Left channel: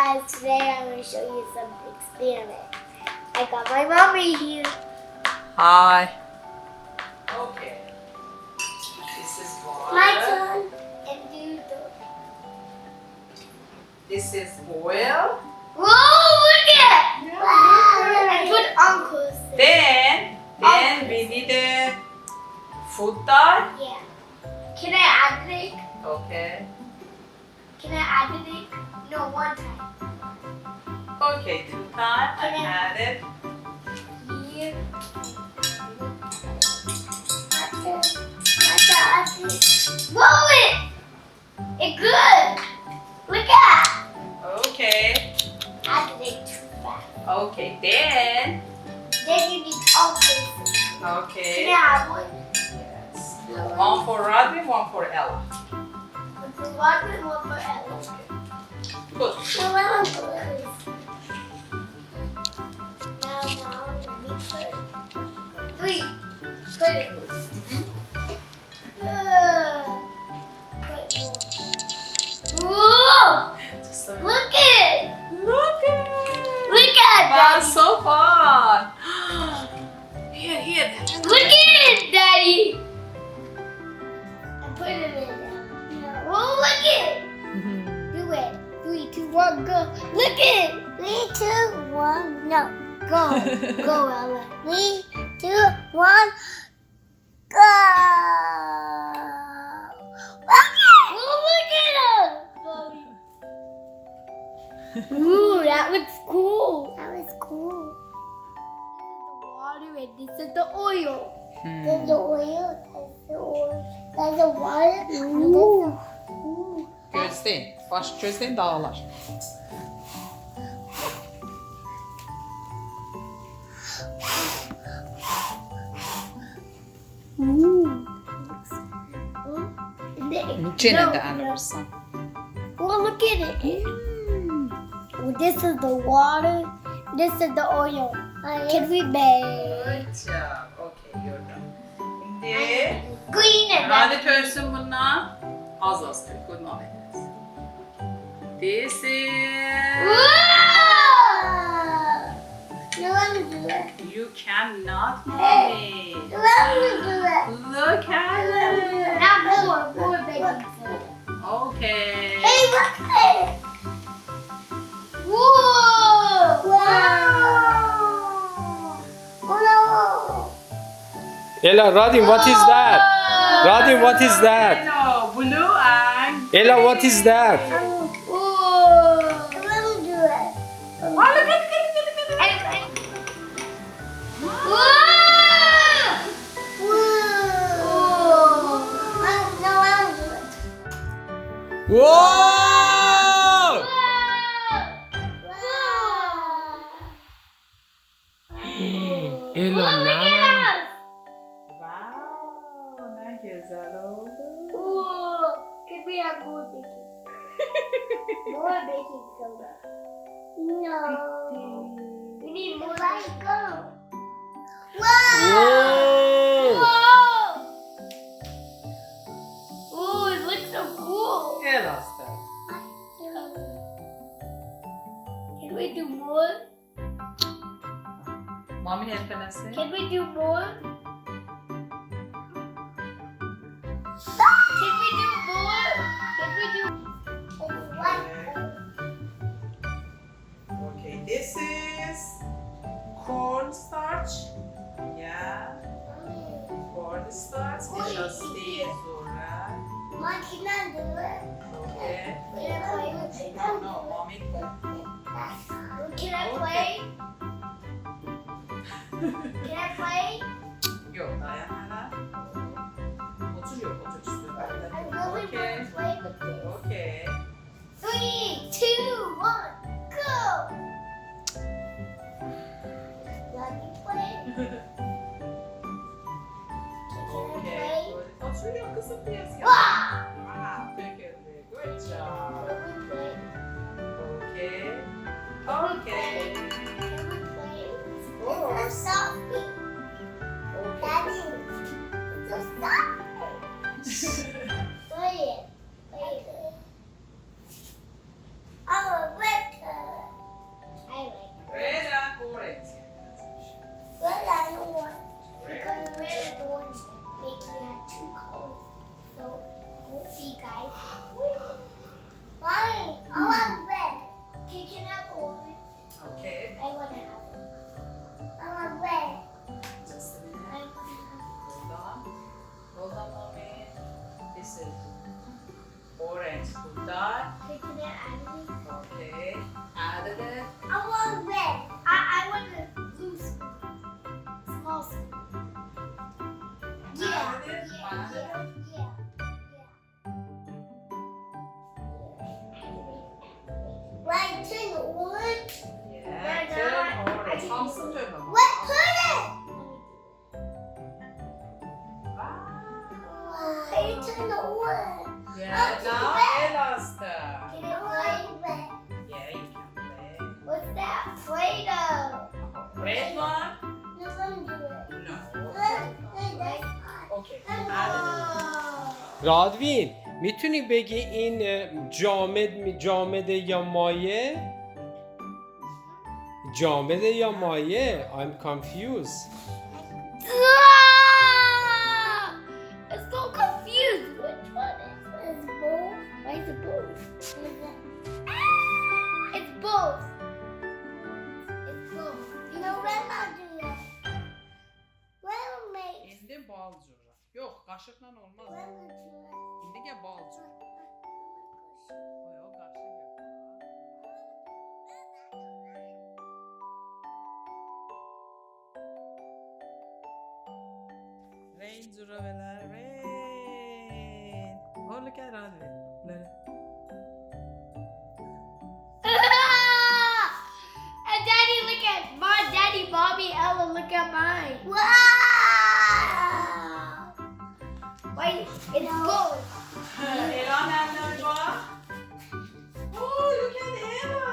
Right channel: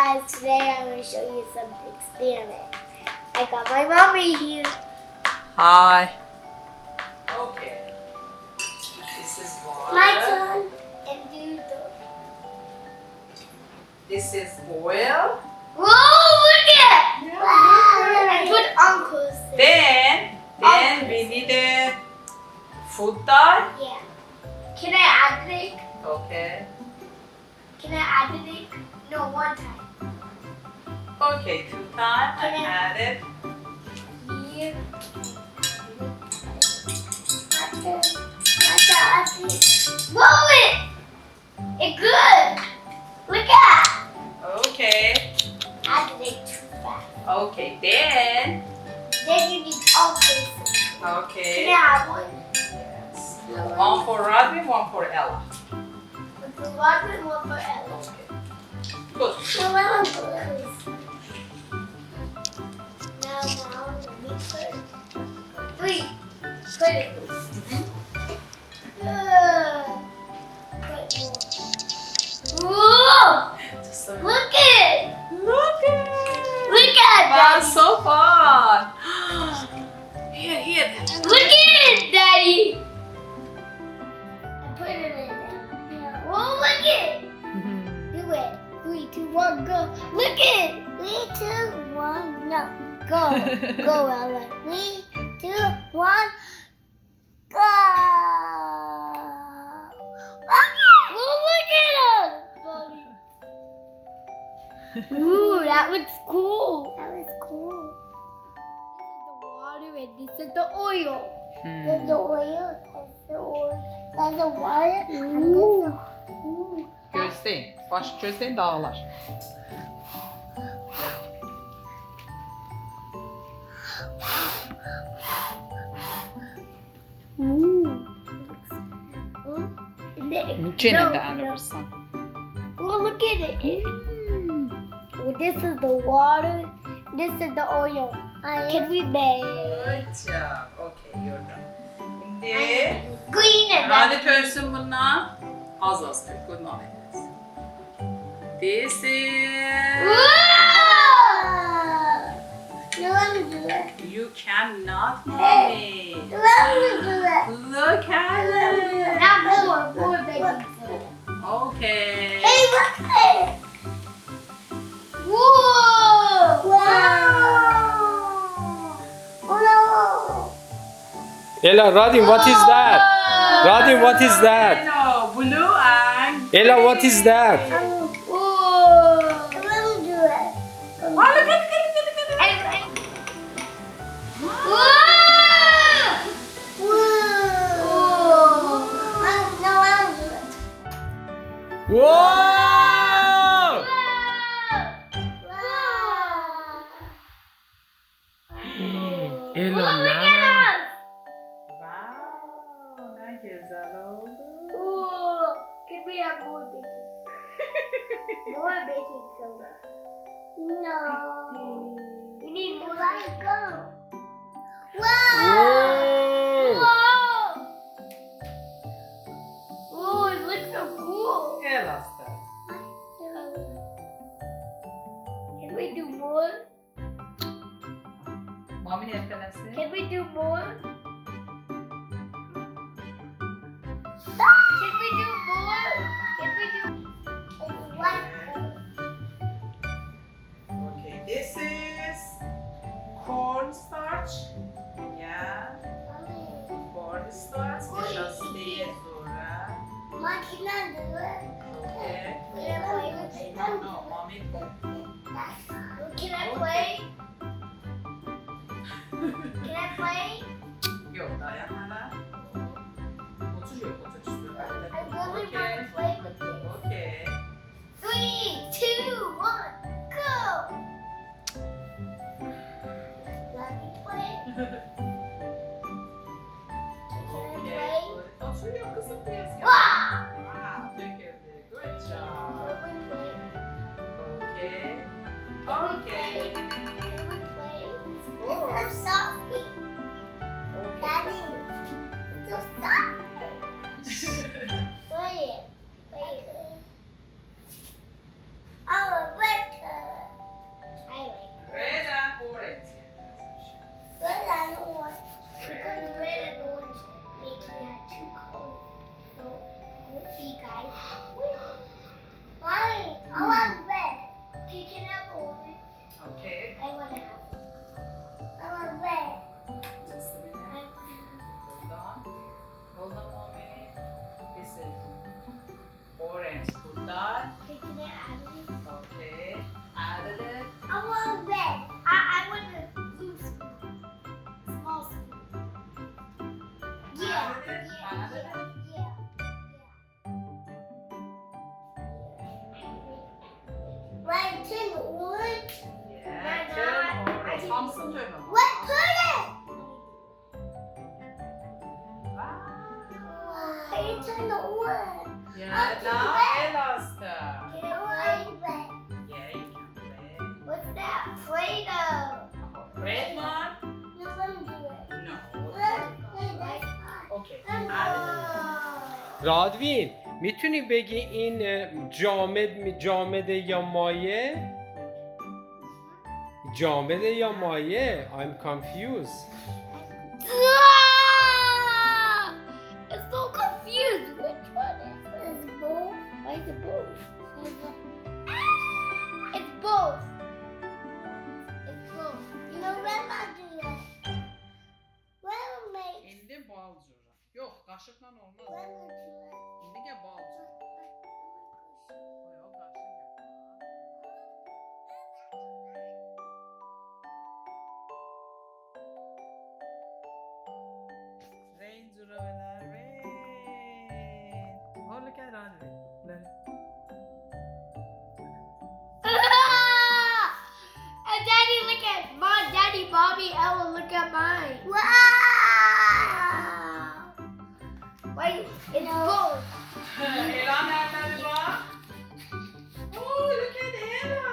guys, today I'm going to show you some experiments. I got my mommy here. Hi. Okay. This is water. My turn. And do the... This is oil. Whoa, look at it! Yeah, Wow. And put uncles. Then we need a food dye. Yeah. Can I add the egg? Okay. Can I add the egg? No, one time. Okay, 2 times. I Can I- add it. Here. Whoa, it's good. Look at. Okay. Add the egg too fast. Okay, then. Then you need all this. Can I Okay. have one? Yes. No, One for Rodwin, one for Ella. one for Rodwin, one for Ella. Okay. Good. No, I want blues. Now, let me put 3. Put it. Put more. Whoa! Just a Look it! Look at Look at Wow, Daddy! so fun. Here. Look at it, Daddy! I put it in there. Whoa, look it! Do it. 3, 2, 1, go. Look it! 3, 2, 1, no. Go. Go, Ella. 3, 2, 1, go! Look at him! Ooh, that looks cool. That was cool. This is the water and this is the oil. There's the oil, there's the oil, there's the water, and there's the... Gözleyin. Baş gözleyin dağlar. İçine de alırsan. Well, look at it. Well, this is the water. This is the oil. Can we make Good job. Okay, you're done. Şimdi green and Radit ölsün bundan. Az tür. Good moment. This is... No, let me do it. You cannot mommy. Let me do it. Look at it. Now more baking soda. Okay. Hey, look at it. Whoa! Wow! Oh Ella, Rodwin, what is that? Rodwin, what is that? Hello, blue and... Ella, what is that? no! Whoa! Let me do it. Oh, look at it. Whoa! Whoa! No, I don't do it. Whoa! Ella, nana. Wow, ne güzel oldu. Could we have more baking? More baking soda. No. We need more. Let it go. Whoa! Whoa! Oh, it looks so cool. Ela está. Can we do more? Mami efendim. Can we do more? Can we do more? Can we do Okay, this is cornstarch. Yeah, cornstarch. Naszystuje zura. Mom, can I do it? Okay. Can I play with it? No, mommy. Can I play? Can I play? Yok, dayan hala. Otur yok, otur üstüne. I really want to play with this. Okay. 3, 2, 1, go! Let me play. Can I Okay. play? Otur yok kızım biraz. Wow! Wow, thank you. Good job. Let me play. Okay. Can we Okay. play? Of course. It's so soft. Daddy, it's so soft. Play it. Play it. Oh, better. Samsın dövme mi? What? Put it. Wow. It's in the wood. Yeah, now Ella's turn. Can I play with? Yeah, you can play. What's that? Play-Doh. Red one? No, let me do it. No. Like, Okay. Add رادوین میتونی بگی این جامده یا مایه؟ جامده یا مایه؟ I'm confused. It's so confused. Which one is both? Why is it both? It's both. It's both. You know when I do that? Well, mate. İndi balcura. Yok, kaşıkla olmaz. When I do that? İndi gel balcura. Yok, kaşık yok. Rain zura veler, rain. Oh, look at Rodwin. And Daddy, look at my Daddy, Mommy, Ella, look at mine. Wow! Wait, it's both. Ella nerede bir bak? Oh, look at Ella.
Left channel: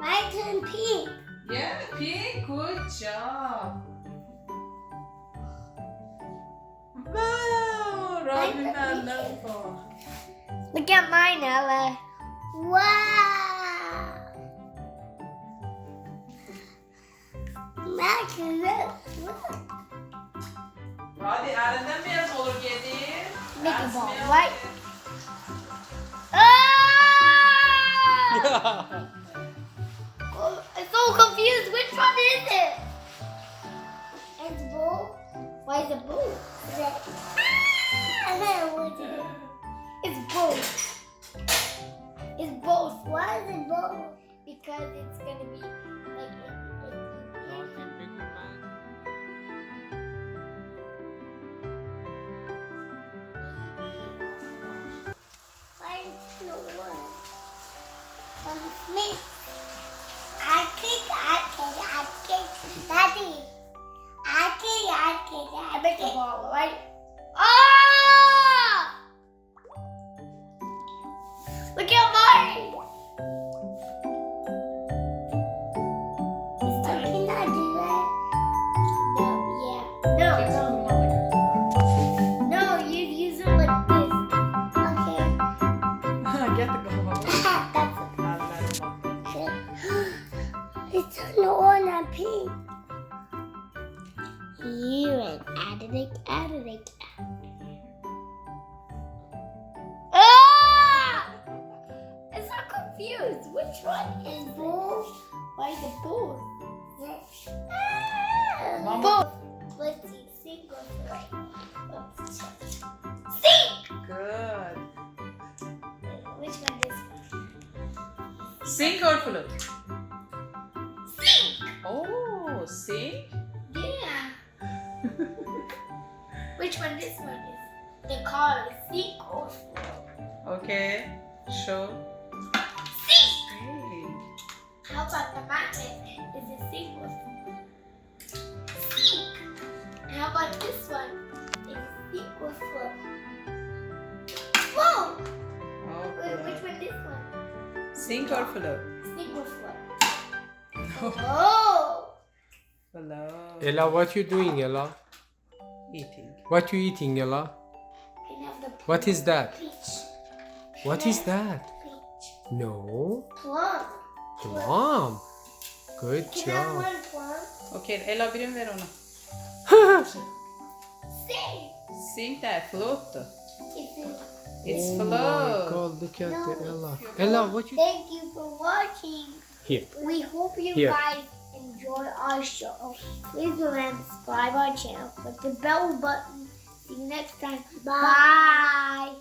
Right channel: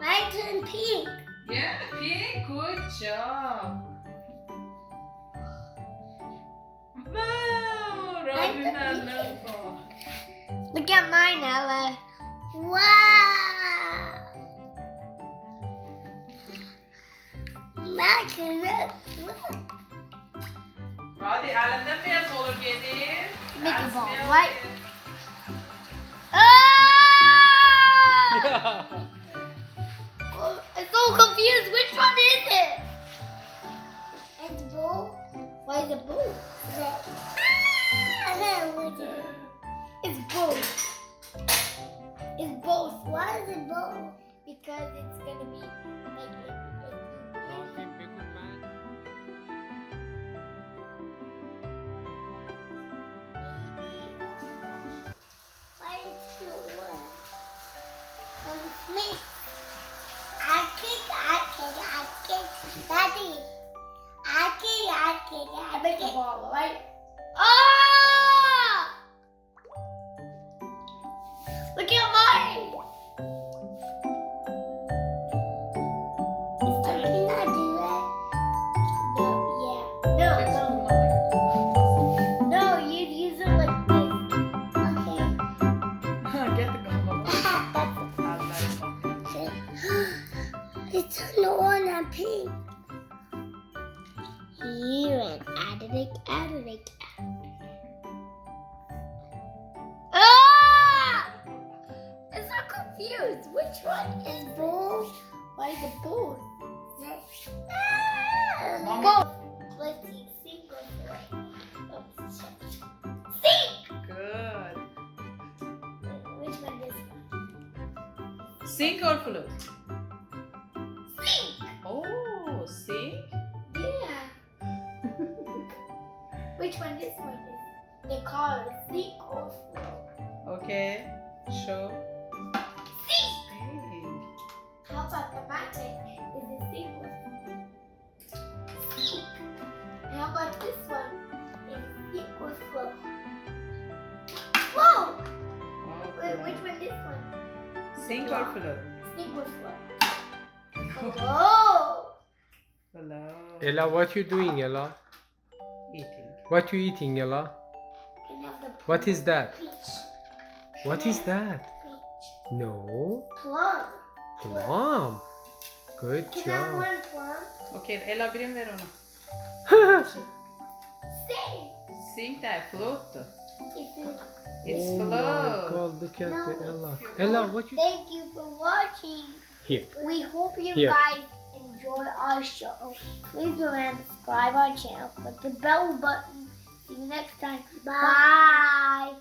Mine turned pink. Yeah, pink, good job. Wow, Rodwin and Ella. Look at mine, Ella. Wow! Max and look. Hadi elinden beyaz olur gelir. Make a That's ball, beyaz right? gelir. Ah! Oh, I'm so confused. Which one is it? It's both. Why is it both? I know what it is. It's both. It's both. Why is it both? Because it's gonna be like it. Rodwin بگو من Why is it one? Me. I kick. Daddy. I make a ball, right? Ah! Look at mine. Can I do that? No, yeah. No, Jackson no. bundan da götür. No, you'd use it like this. Okay. Getir bakalım. That's Hadi bakalım. it. It's on one and pink. Here and add it. Ah! I'm so confused. Which one is both? Why is it both? Both. Let's see. Single right. Sink! Good. Which one is Sink or flute? Sink! Oh, sink? Yeah. Which one this one is? The car is sink or float? Okay. Show. Sink! Hey. How about the magnet? Is it sink or float? Sink! And how about this one? Is it sink or float? Whoa! Wait, which one this one? Sink or flute? Sink or float? Oh! Hello. Ella, what you doing, Ella? Eating. What you eating, Ella? Can have the What is that? peach. What is that? Peach. No. Plum. Plum. Good Can I have job. one plum? Okay, Ella birim ver onu. Sink! Sink de flute. It's in. It's Oh my float. God! Look at the No. Ella. Ella, what you? Thank you for watching. Here. We hope you Here. guys enjoy our show. Please remember to subscribe our channel, click the bell button. See you next time. Bye.